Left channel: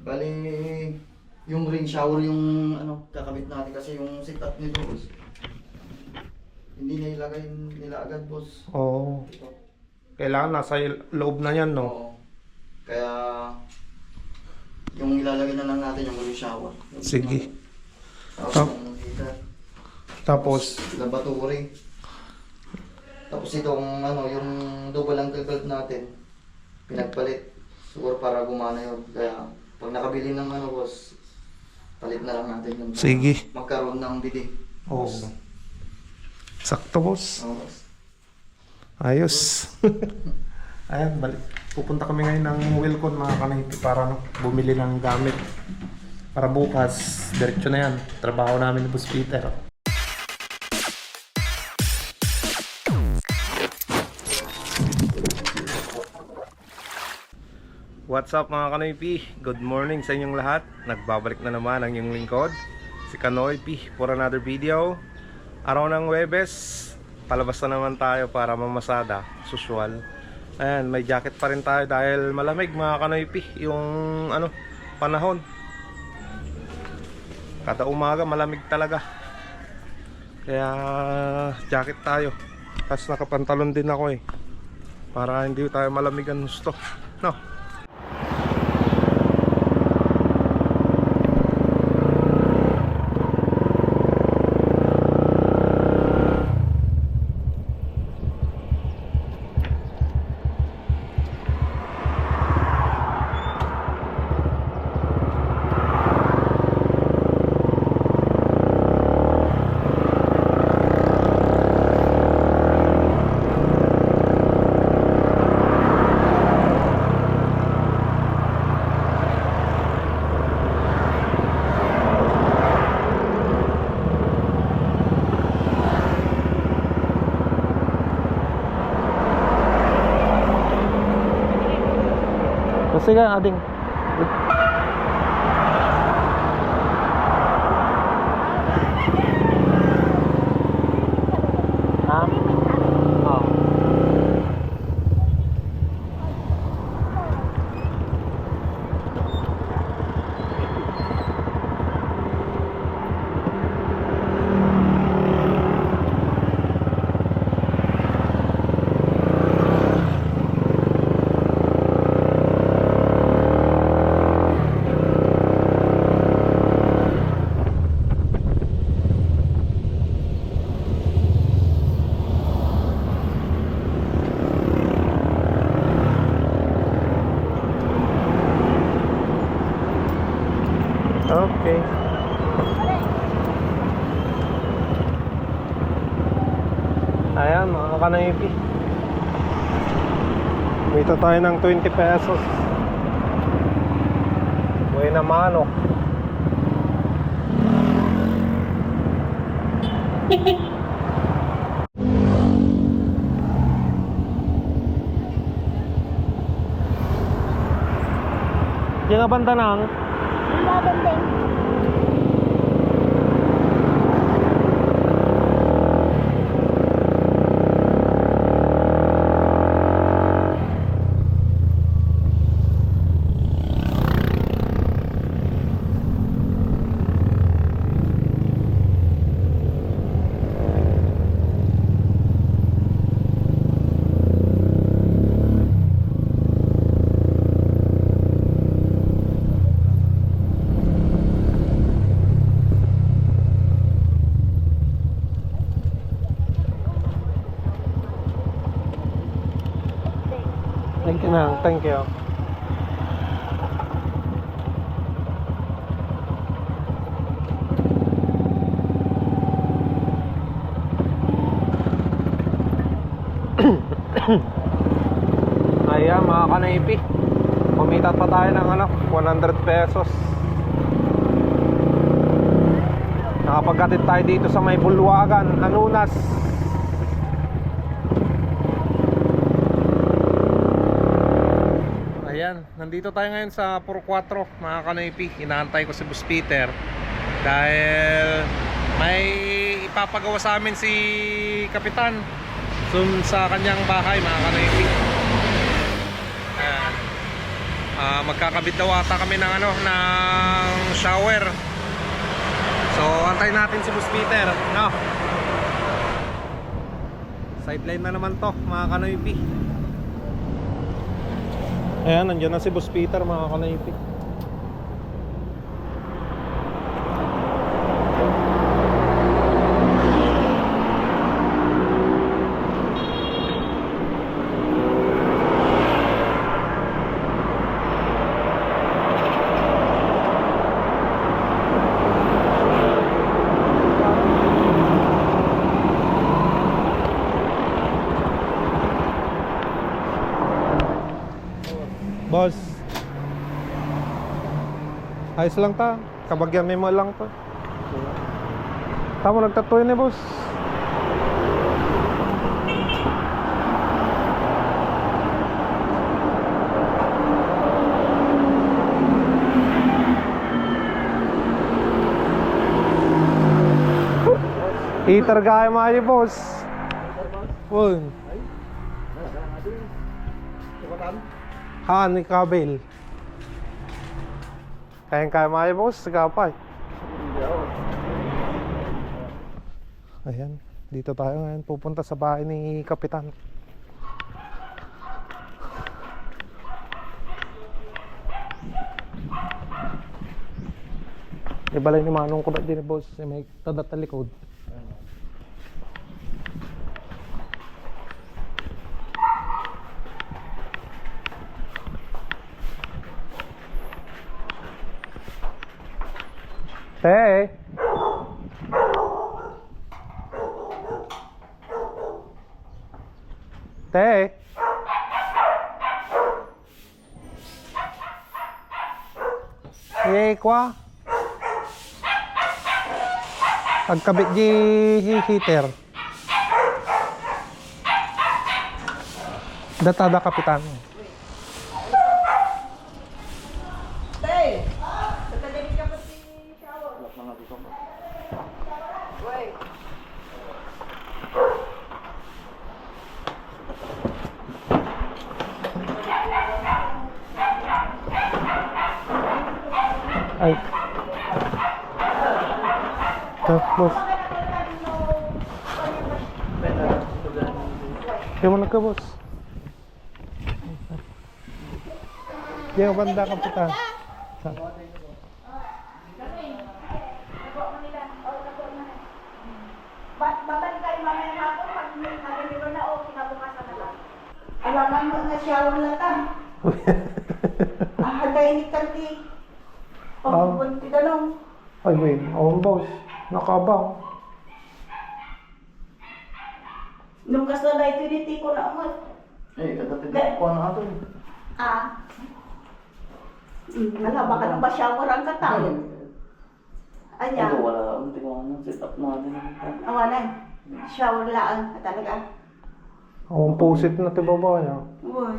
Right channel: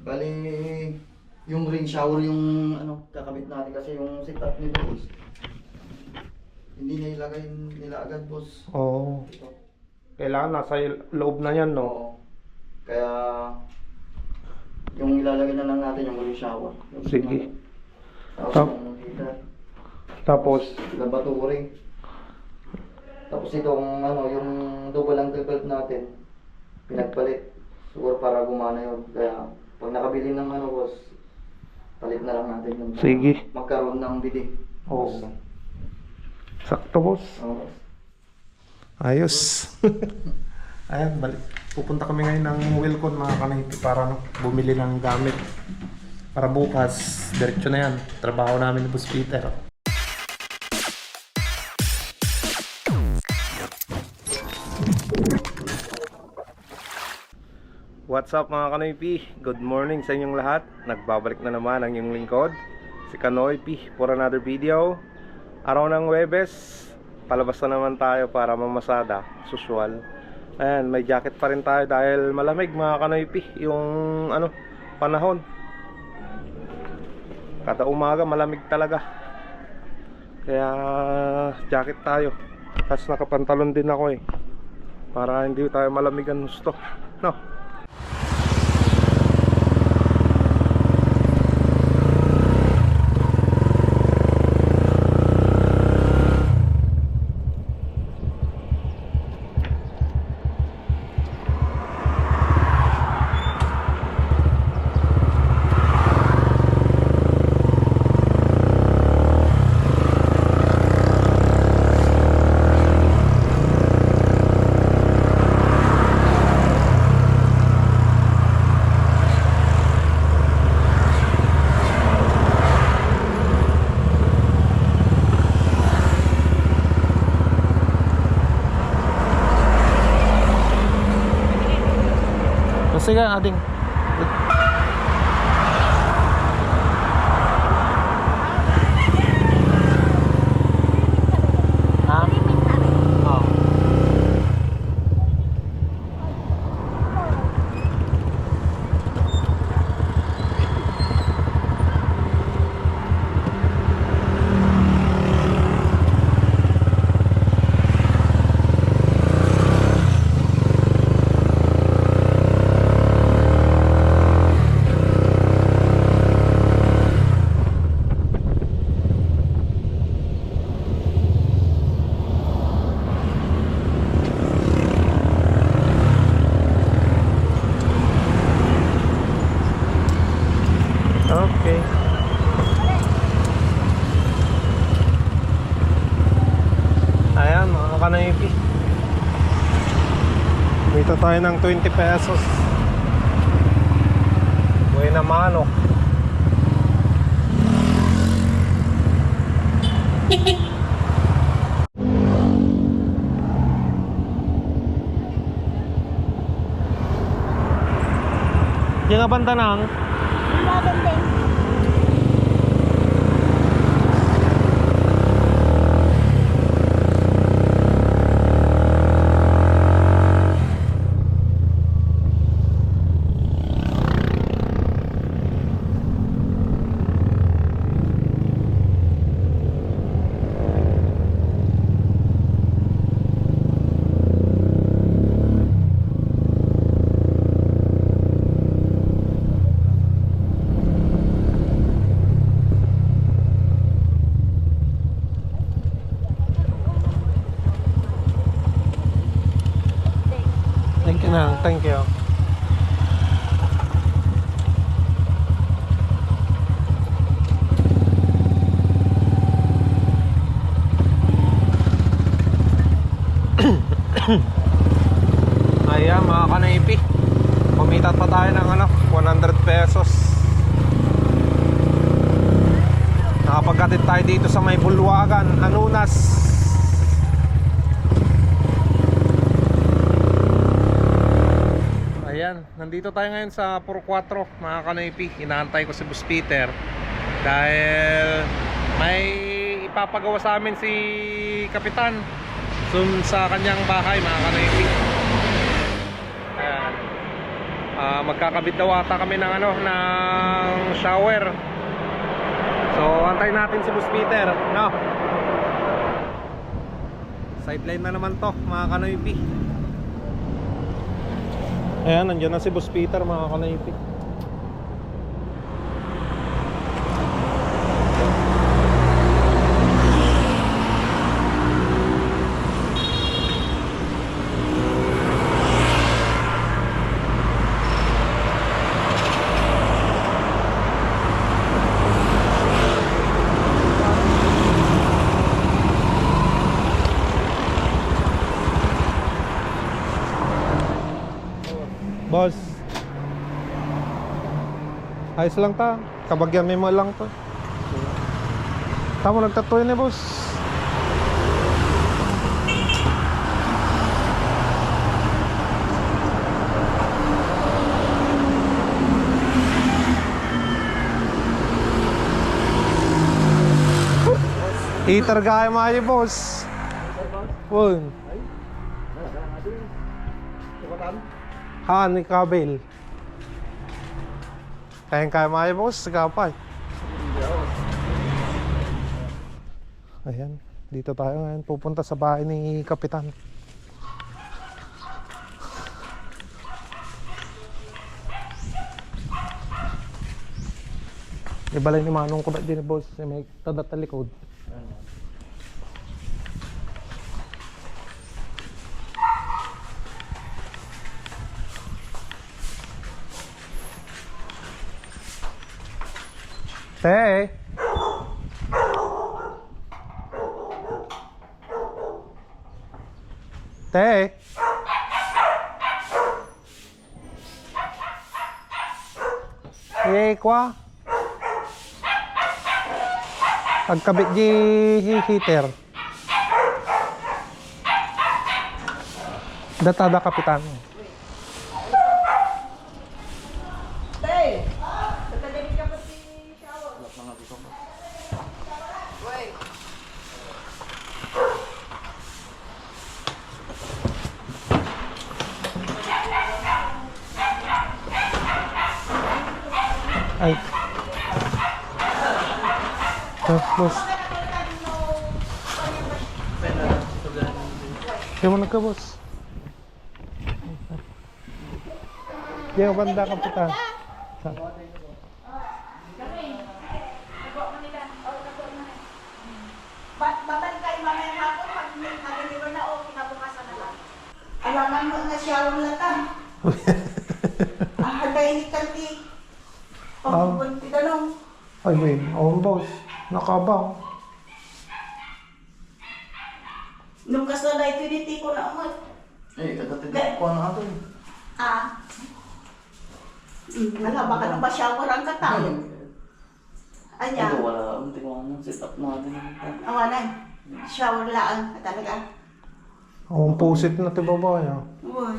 Bali, yung rain shower yung ano, kakabit natin kasi yung setup nito boss. Hindi na ilagay nila agad boss. Oo. Ito. Kailangan nasa loob na yan, no? Oo. Kaya yung ilalagay na lang natin yung rain shower. Yung Sige. Tapos Tap- yung heater. Tapos, Lavatory. Tapos itong ano, yung double angle valve natin, pinagpalit. Siguro para gumana yun. Kaya pag nakabili ng ano boss, palit na lang natin yun. Para Sige. magkaroon ng bidik. oo. Sakto, boss. Oo, boss. Ayos. Ayan, balik. Pupunta kami ngayon ng Wilcon, mga kanahipi, para bumili ng gamit. Para bukas, diretso na yan. Trabaho namin ni Boss Peter. What's up mga Kanoy P? Good morning sa inyong lahat. Nagbabalik na naman ang inyong lingkod, si Kanoy P, for another video. Araw ng Huwebes, palabas na naman tayo para mamasada, usual. Ayan, may jacket pa rin tayo dahil malamig mga Kanoy P, yung ano, panahon. Kada umaga malamig talaga. Kaya jacket tayo. Tapos nakapantalon din ako para hindi tayo malamigan gusto. No? Sige, ading. Ha? Oh. Okay. Ayan mga Kanoypi, kumita tayo ng 20 pesos. Buhay na manok. Yung nga banda nang thank you na, thank you. Ayan mga Kanoypi, kumita pa tayo ng 100 pesos. Nakapagkatid tayo dito sa may Bulwagan, Anunas. Ayan, nandito tayo ngayon sa Puro 4 mga Kanoypi. Inaantay ko si Boss Peter dahil may ipapagawa sa amin si Kapitan sa kanyang bahay mga Kanoypi. Ayan. Magkakabit daw ata kami ng ano, ng shower. So antayin natin si Boss Peter, no? Sideline na naman to, mga kanoypi. Ayan, nandiyan na si Boss Peter, mga kanoypi. Boss, ayos lang ta. Kabagyan mo lang to. Tama, nagtatuloy ni boss. Heater gaya maayo boss. Wun. Han, kabel. Kaya maayo boss, kapay. Ayan, dito tayo ngayon pupunta sa bahay ni Kapitan. Ibalay ni Manong ko na din boss, may tadat na likod. Te. Te. Kwa. Pagkabit di heater. Datada Kapitan. Ay. Boss. Gimana ka, boss? Yang banda Kapitan. Alaman mo nga siya wala ta. Hagay ni Kanti. Bunti dalong. Ay, wait. Boss. Nakabaw. Nung kasalay ito dito ko na umot. Katatid ko na ito. Wala, baka nang ba shower ang katang? Anya? Ito, wala. Hindi ko set up natin. Awanan. Shower lang. Talaga. Ang pusit na ito babae. Uy.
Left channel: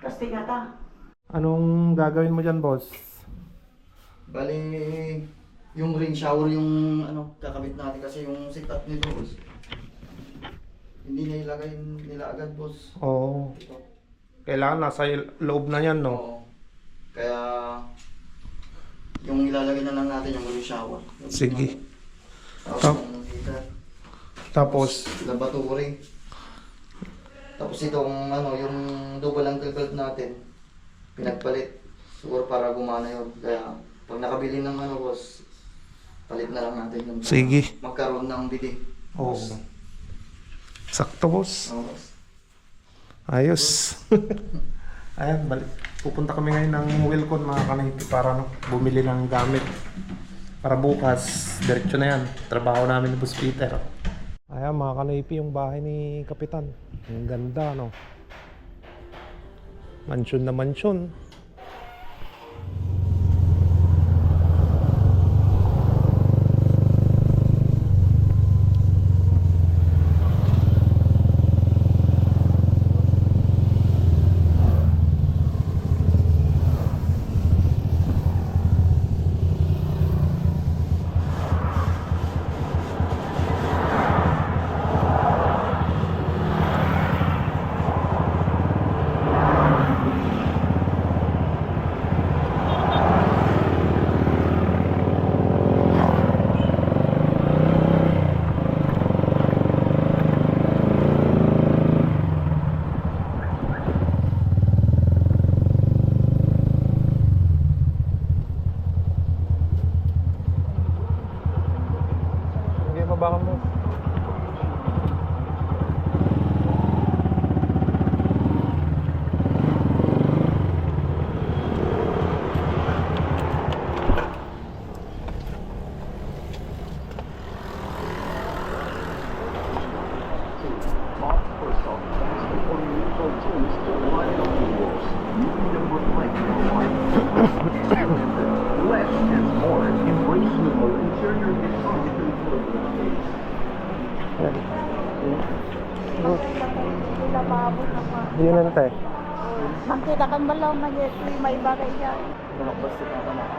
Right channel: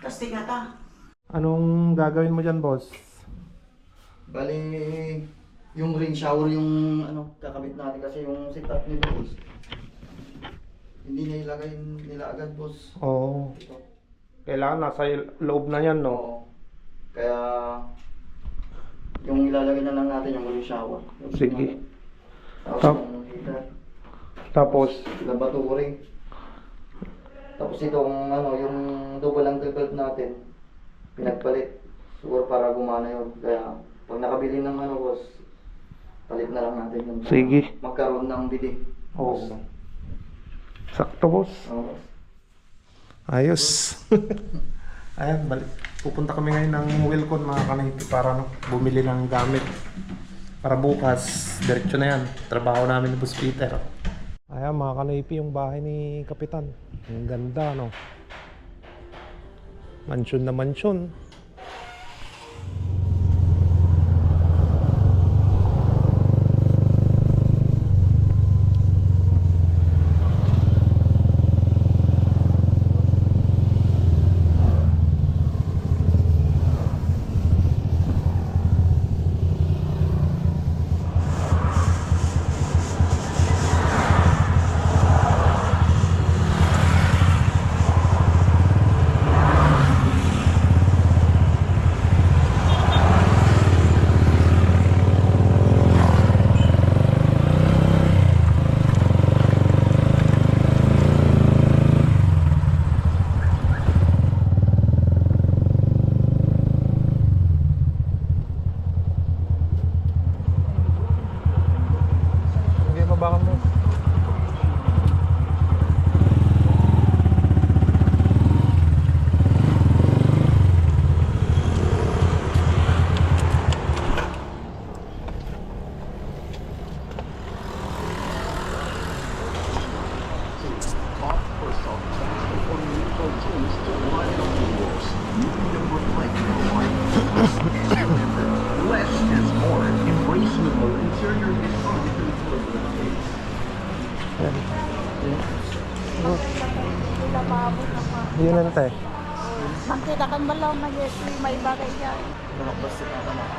Kasi nga ta. Anong gagawin mo dyan, boss? Bali, yung rain shower yung ano, kakabit natin kasi yung setup nito, boss. Hindi na ilagay nila agad, boss. Oo. Ito. Kailangan nasa loob na yan, no? Oo. Kaya, yung ilalagay na lang natin yung rain shower. Yung Sige. Tapos yung heater. Tapos, Laboratory. Tapos itong ano, yung double angle bulb natin, pinagpalit. Siguro para gumana yun. Kaya pag nakabili ng ano, boss, palit na lang natin yun. Sige. Magkaroon ng bidig. Oo. Sakto, boss. Oo, boss. Ayos. Ayan, balik. Pupunta kami ngayon ng Wilcon, mga kanipi, para no, bumili ng gamit. Para bukas, diretso na yan. Trabaho namin ni Boss Peter. Ayan, mga kanipi, yung bahay ni Kapitan. Ang ganda, no? Mansyon na mansyon. Less is more. Embrace the interior and Yun lang tayo. Makita kan malaw na yes, may bagay yan. Nakapasok na naman.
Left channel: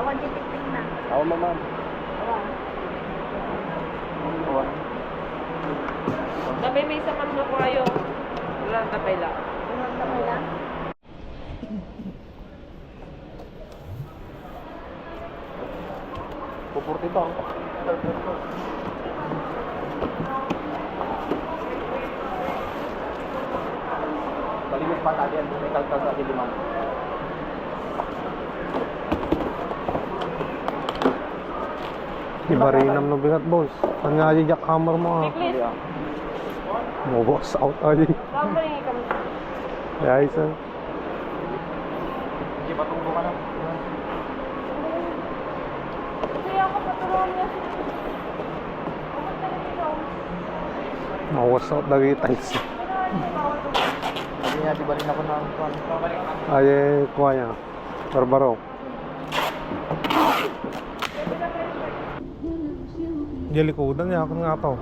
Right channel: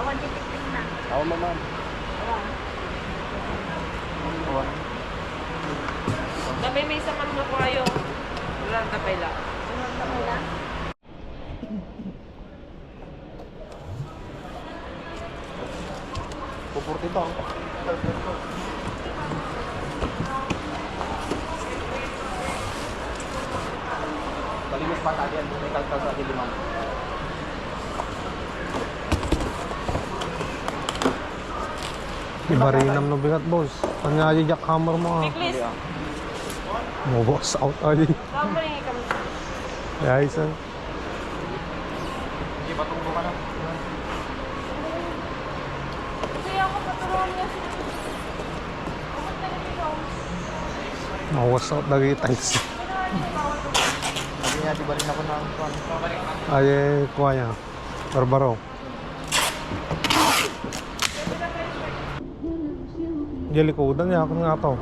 Awan titik na. Ako ma'am. Awan. Tapi may isa man mo kayo. Wala tapay lang. Sunod na wala. Pupurti to. Kalimus pa tayo yan. May kalkal sa limang. Iba rin ang nabigat, boss. Ano nga yung jackhammer mo, ah? Please. Mo, boss, out ali. Tama rin kami. Yeah, isa. Hindi pa tunggo ka na. Kaya ako paturuan niya. Mawas out lagi tiles. Sabi niya, di ba rin ako na Ay, kuha niya. Barbaro. Diyan likodan niya ako nga to.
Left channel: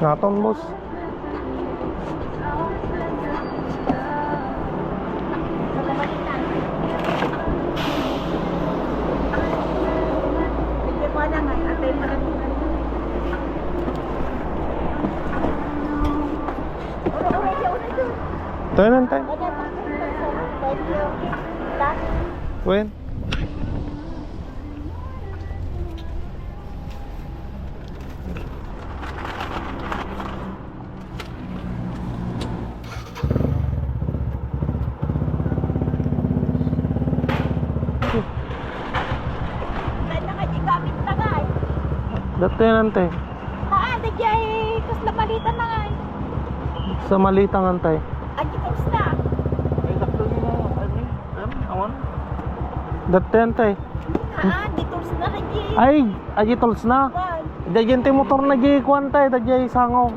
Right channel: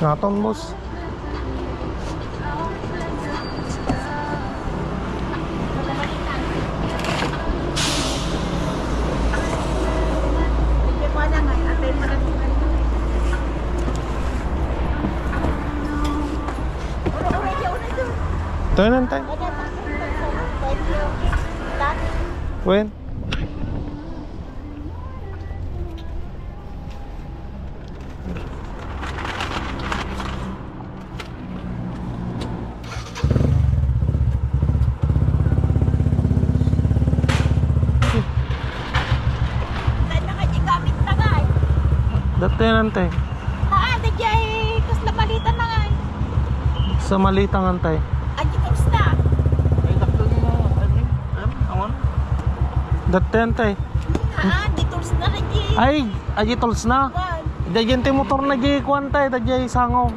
Naton, boss. Hindi mo na nga. Atay mo na. Uro-uro siya una doon. Ito yun, antay. Kaya thank you. Lahat. Wen. Dahil nakajigamit na nga eh. Dito yun, antay. Di jay kasla malitan na nga eh. Sa malitang antay. Adjectives na. Dito yun, antay. Detours na rin jay. Ay, aji tools na. Dagyan ti motor na di kuantay, dagyan sangaw.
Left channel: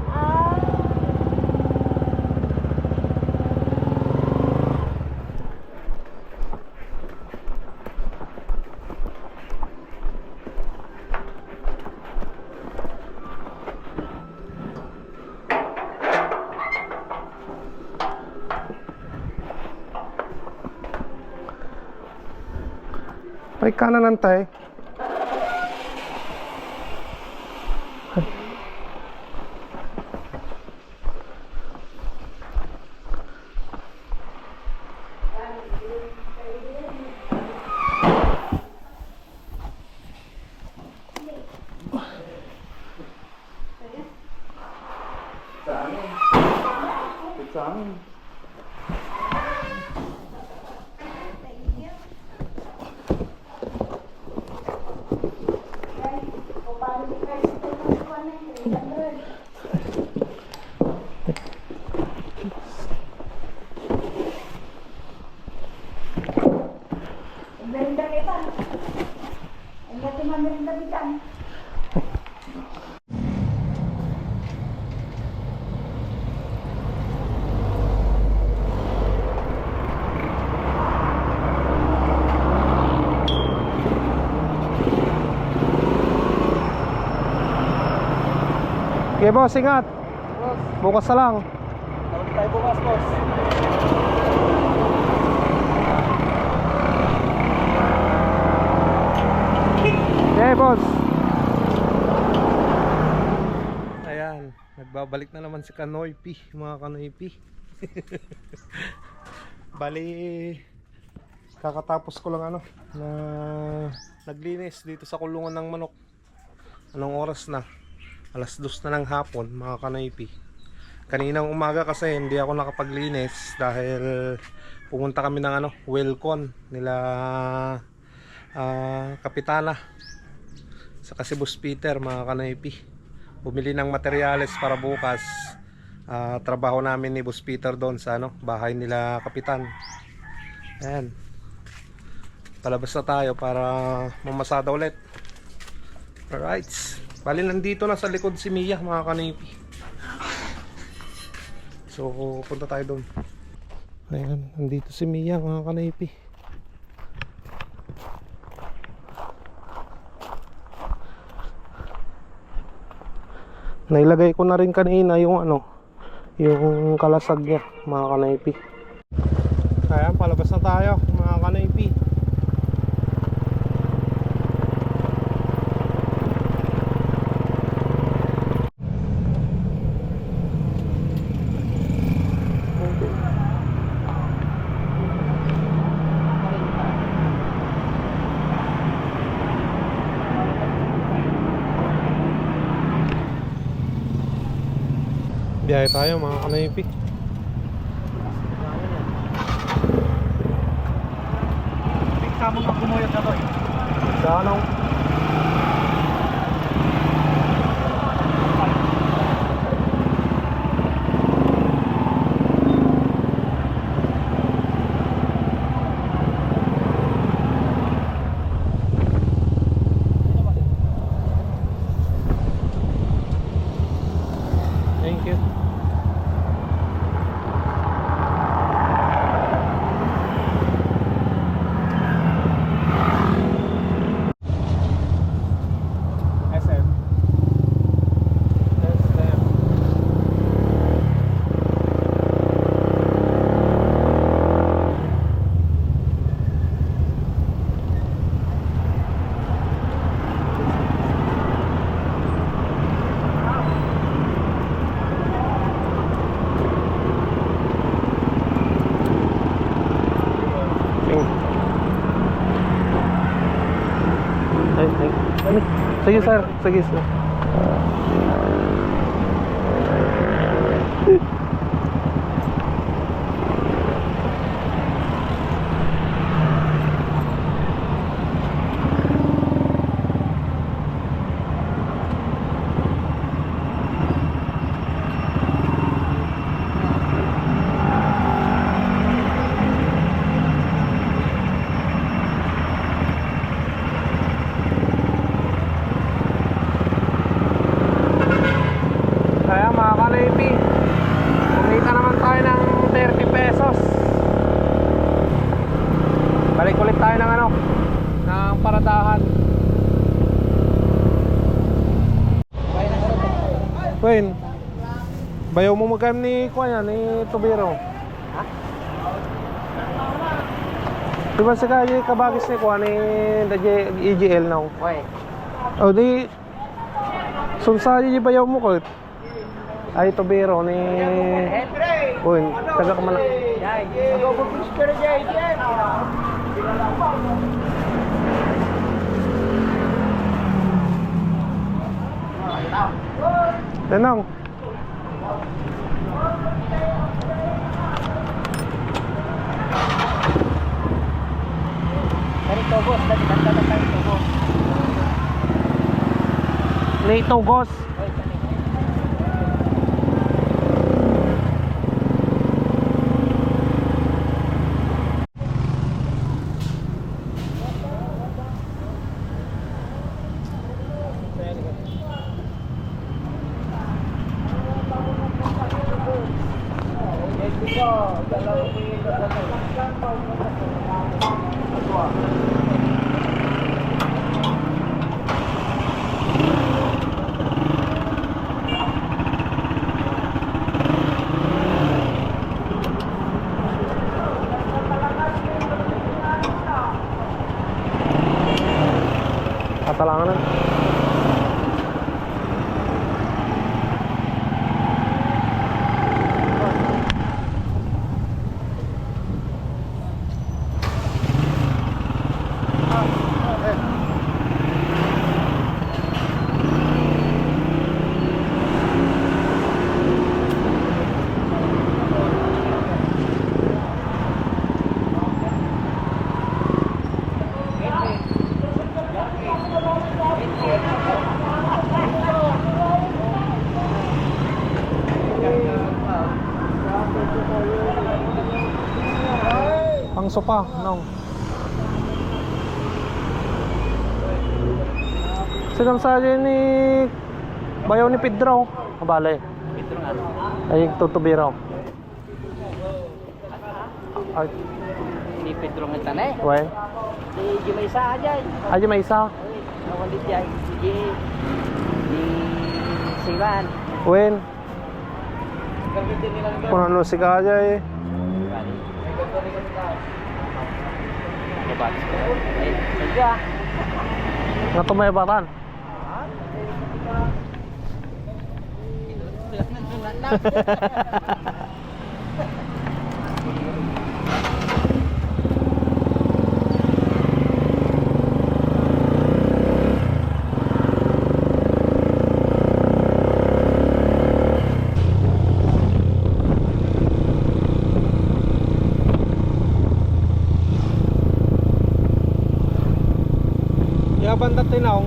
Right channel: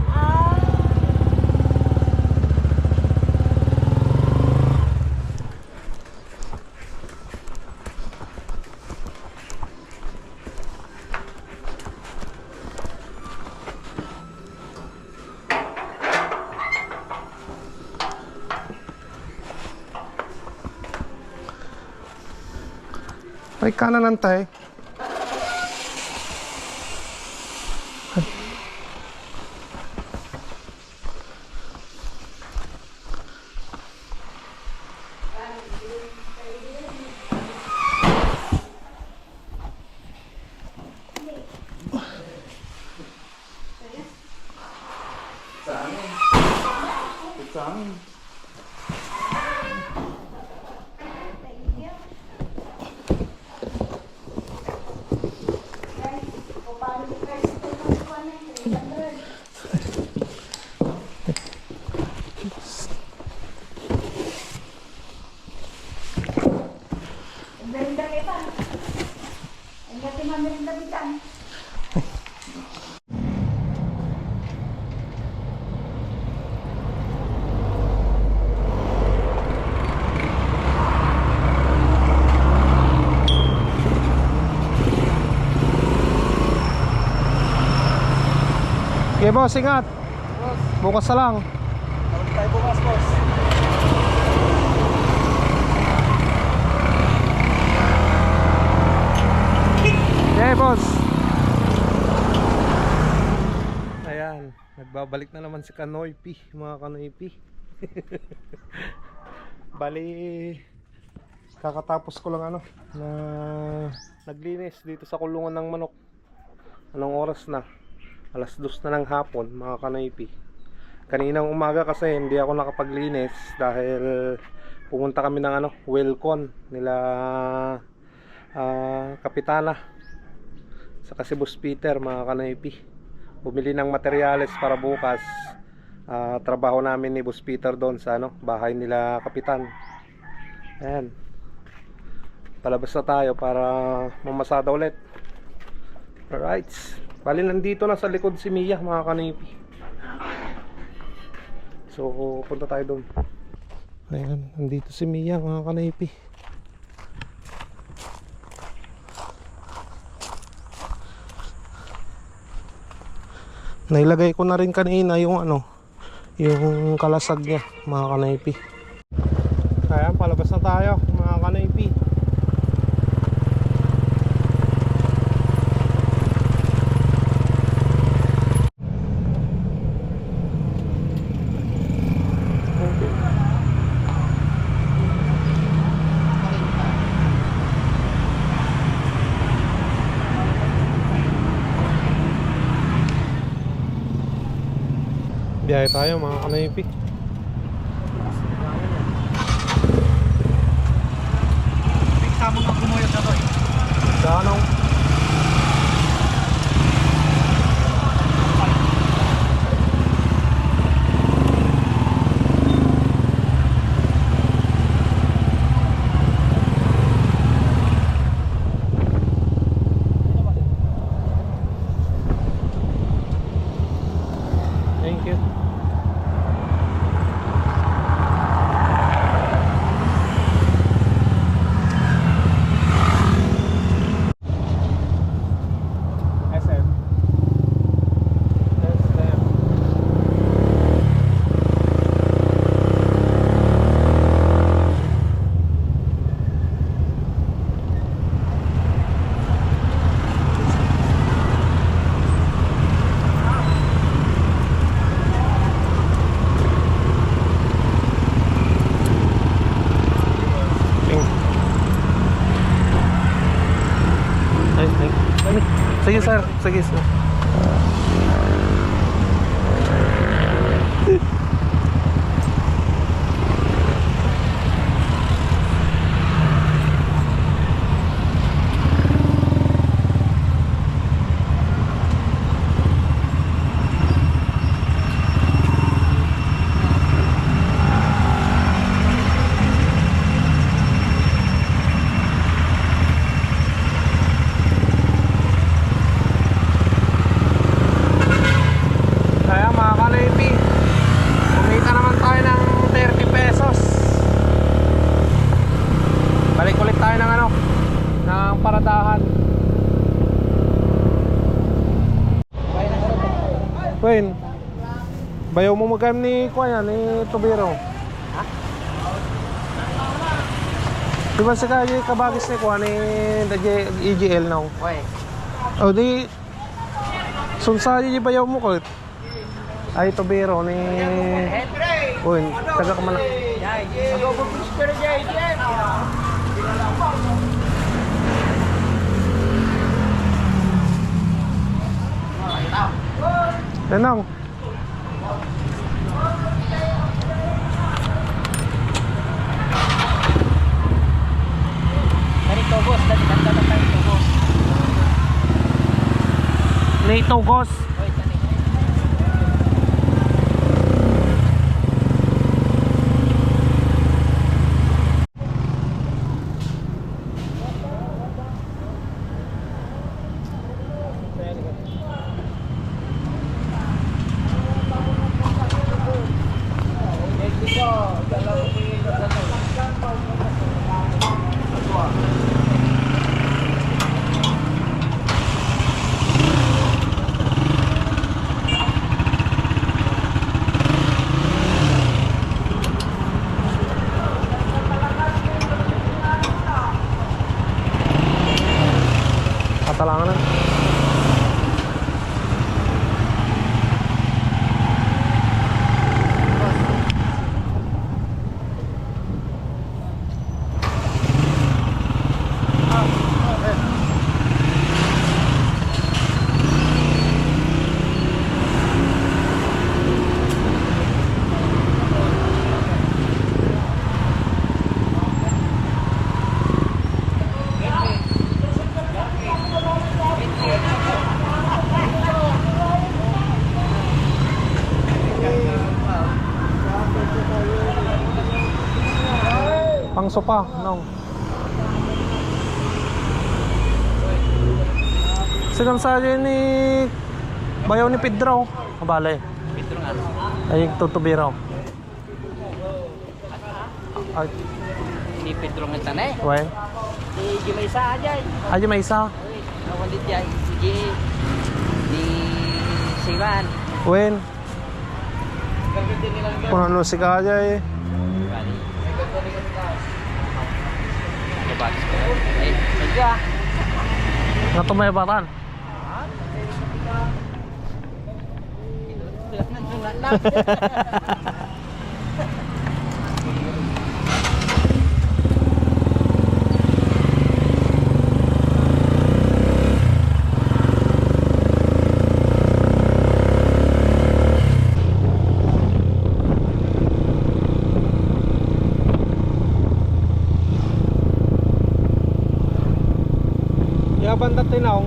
Ay, kanan antay. Sa amin. Merinda kita. Ang gati mga merinda kita. Okay, boss, ingat. Bukas na lang. Tawag tayo bukas, boss. Okay, boss. Ayan, nagbabalik na naman si Kanoy P, mga Kanoy P. Bali, kakatapos ko lang na naglinis dito sa kulungan ng manok. Anong oras na? Alas 2 na ng hapon, mga kanaypi. Kaninang umaga kasi hindi ako nakapaglinis dahil pumunta kami ng Welcon nila Kapitana sa kasi Boss Peter, mga kanaypi. Bumili ng materyales para bukas. Trabaho namin ni Boss Peter doon sa bahay nila Kapitan. Ayan. Palabas na tayo para mamasada ulit. Alright. Bali nandito na sa likod si Mia, mga kanipi. So punta tayo doon. Ayan, nandito si Mia, mga kanipi. Nailagay ko na rin kanina yung yung kalasag niya, mga kanaypi. Ayan, palabas na tayo, mga kanaypi. Biyahe tayo, mga kanaypi. Kamu pag kumuyot na to eh. Sa anong? Thank you. Sige sir, sige sir. Wayne, bayaw mo magkano ni Kuya, ni Tubiro? Ha? Diba sa kaya kabagis ni Kuya, ni EGL now? Why? O di, sunsa yung bayaw mo ko. Ay, Tubiro ni... Wayne, taga ka man. Nenong. Ganito boss, dati na tayo boss. Nito Gos. Katalangan na. Pang sopa, no? Sigang sa ni bayaw ni Pedro. Kabale. Pedro nga. Ay, tutubiro. Ay, Ni Pedro nga tanay. wen. Di Jumaysa aja. Ay, may isa. Nawalit jay. Di di Siwan. Wen. Kung ano si Kaya eh. Bali. Kebat. Saja. Nga tumayabatan. Ya bandat tinong.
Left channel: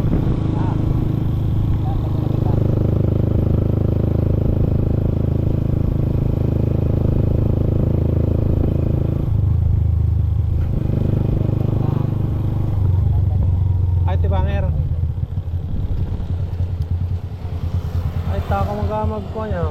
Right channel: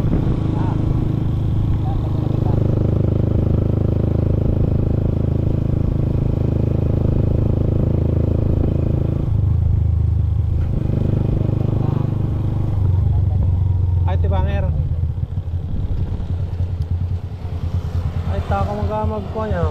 Ay tibanger. Ay ta ko magamag ko niya.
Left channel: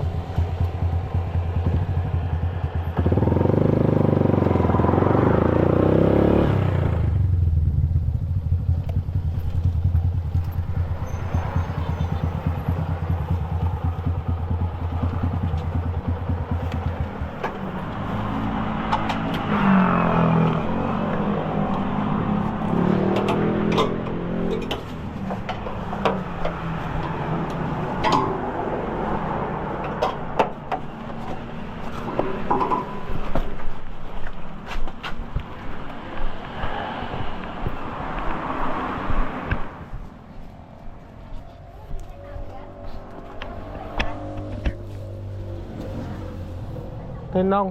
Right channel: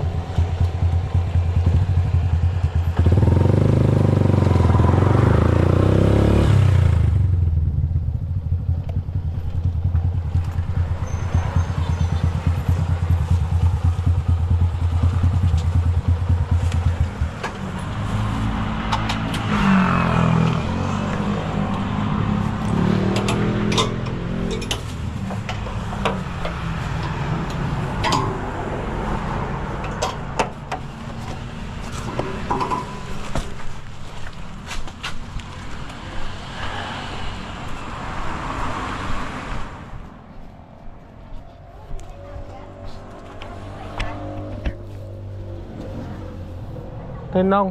Tinong.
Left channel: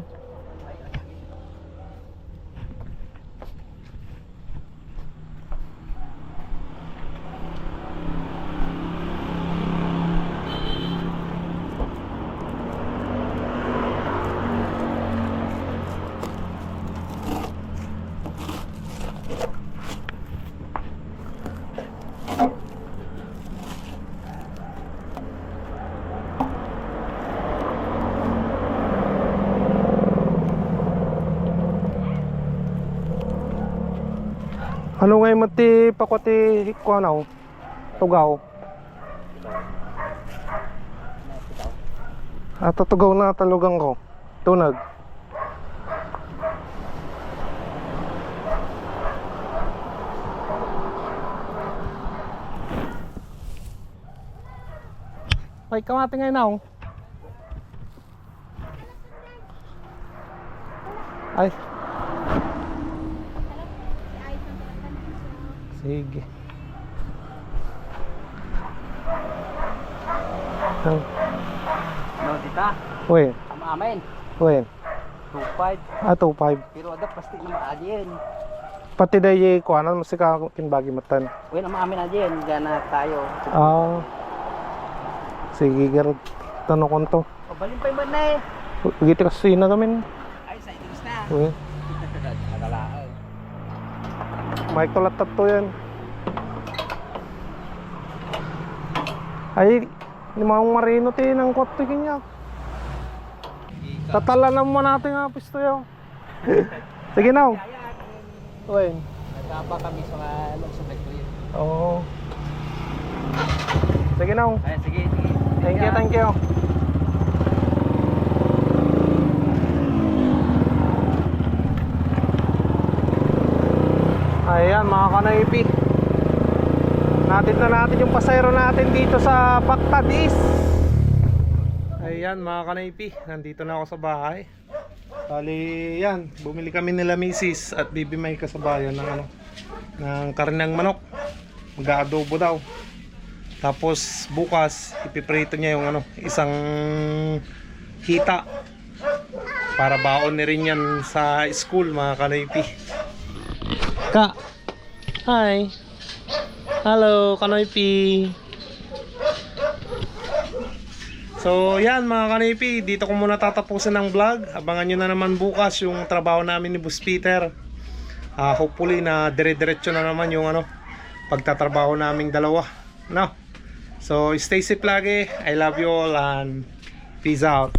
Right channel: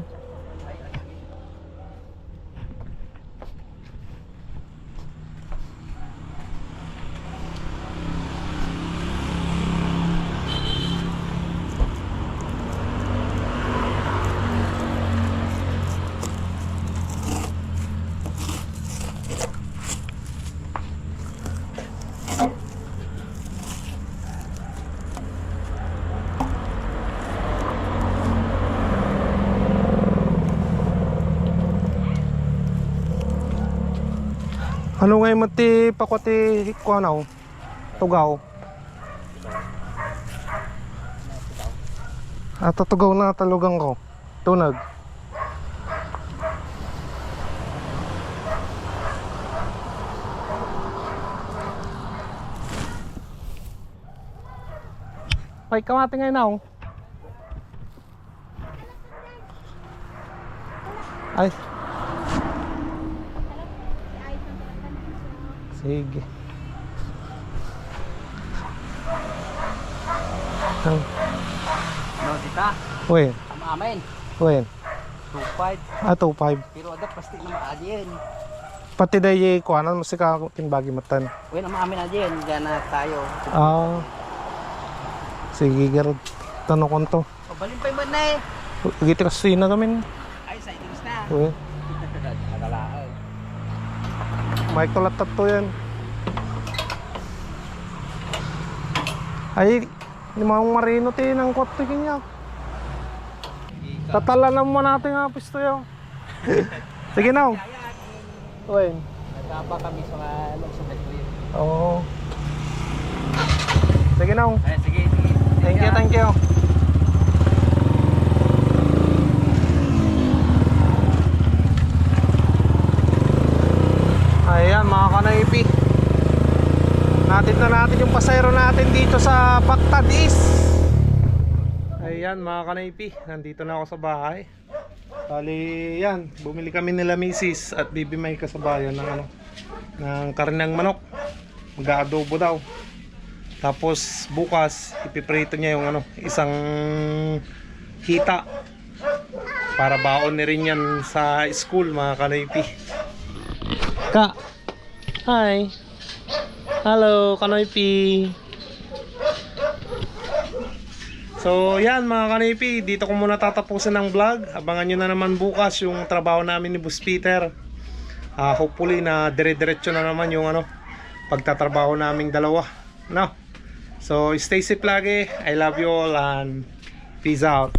Ano ngayon mo ti pakwati ko ano? Tugaw. Tugaw na talugang ko. Tunag. Ay, kamati ngayon ako. Ay. Sige. No dita. Wen. Amin. Wen. 25. 2.5. Pero ada pasti na maajen. Pati dayi ko ano mo sika kinbagi matan. Uy, na maamin ajen. Diyan na tayo. Ah. Sige, garod. Tanong ko to. Pabalin pa yung na eh. Giti kasi na kami. Ay, sa itis na. Wen. Nagalaan. May kulatat to yan. Ay, limang marino ti ng kote kanya. Tatalanan mo natin nga pisto yun. Sige na. Wen. Nagkaba kami sa mga sa yun. Oo. Sige na. Ay, sige, sige. Thank you, thank you. Ayan mga kanaypi, natid na natin yung pasayro natin dito sa Bactad East. Ayan mga kanaypi, nandito na ako sa bahay. Bali yan, bumili kami nila misis at bibi may kasabayan ng ano, ng karinang manok. Mag-aadobo daw. Tapos bukas ipiprito niya yung ano, isang hita para baon ni rin yan sa school mga kanaypi. Ka. Hi. Hello, Kanoy P. So yan mga kanipi, dito ko muna tatapusin ang vlog. Abangan nyo na naman bukas yung trabaho namin ni Boss Peter. Hopefully na dire-diretso na naman yung pagtatrabaho naming dalawa, no? So stay safe lagi. I love you all and peace out.